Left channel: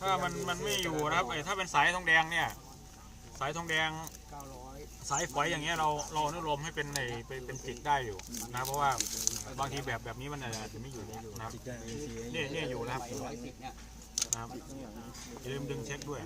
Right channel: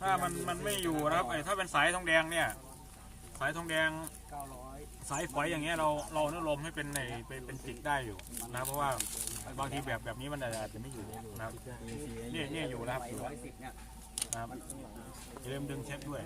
ถ้ามันไม่อยู่นะครับถ้าเป็นสายทองแดงเนี่ยสายทองแดงสายฝอยอย่างเงี้ยเราอนุโลมให้เป็นจิกได้อยู่นะเพราะว่าบางทีแบบนี้มันอาจจะไม่อยู่นะครับเนี่ยอยู่แล้วครับนะครับอย่าลืมดึงเช็คด้วย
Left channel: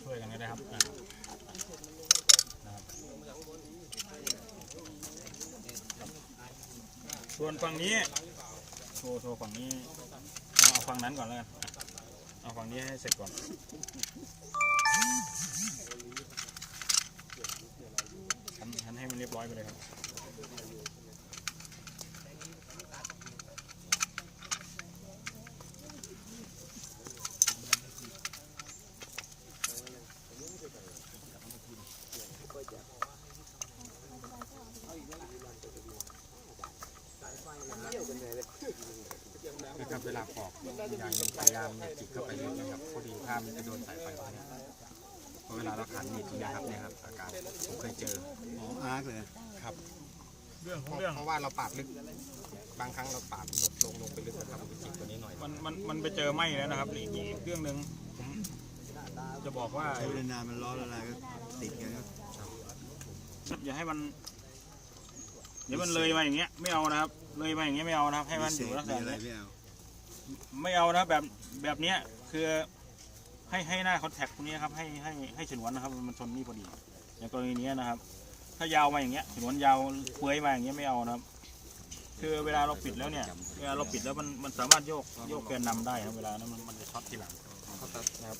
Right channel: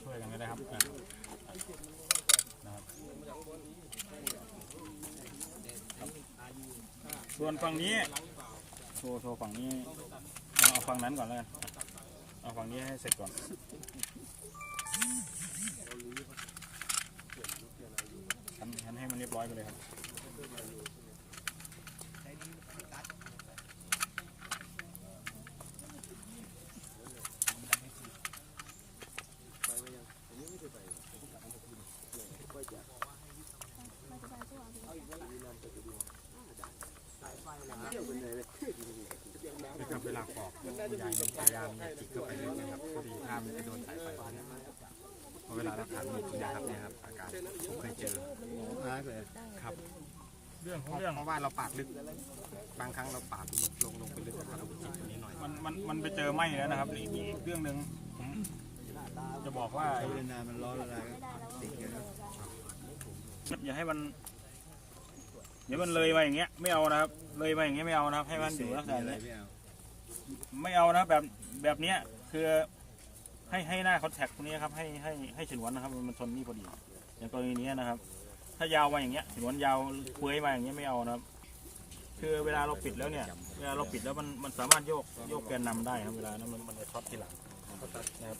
ช่วยกันก็ได้ครับส่วนฝั่งนี้โชว์ฝั่งนี้เอาฝั่งนั้นก่อนแล้วกันเอาฝั่งนี้ให้เสร็จก่อนทันให้มันเรียบร้อยไปเลยครับนะครับเวลาปอกอย่างพยายามจิกเข้าไปลึกนะครับพอดีถ้ามันไปโดนสายไฟตรงนี้พอเวลาเราขันมีดนะครับเนี่ยครับอาการผมเคยเจอมากเลยครับเพราะว่าเราปาดลึกบางครั้งเราปาดลงไปลึกนะครับจิกตัวนี้หน่อยมันไปเจอไหมแล้วนะครับอีกเรื่องหนึ่งผมจะบอกว่าเวลามันร้อนอะไรก็ติดกันอย่าให้มันเดี๋ยวมันเลยมาอย่างเงี้ยไม่เอานะครับเลยมาอย่างเงี้ยไม่เอานะครับให้มันอยู่ลักษณะนี้ไม่เอานะแบบเนี้ยคือให้หน้าคอนแทคตรงนี้ครับให้ฉนวนนะครับมันชนนี่พอดีอย่างกรณีนี้นะครับถ้ายาวมาอย่างเงี้ยฉนวนยาวเปื่อยมาอย่างเงี้ยไม่เอานะครับคือเวลาเราปิดแล้วเนี่ยเวลาเราปิดแล้วมันสามารถโยกแกนนำได้ครับเวลานั้นมันจะช็อตทีหลังนะครับ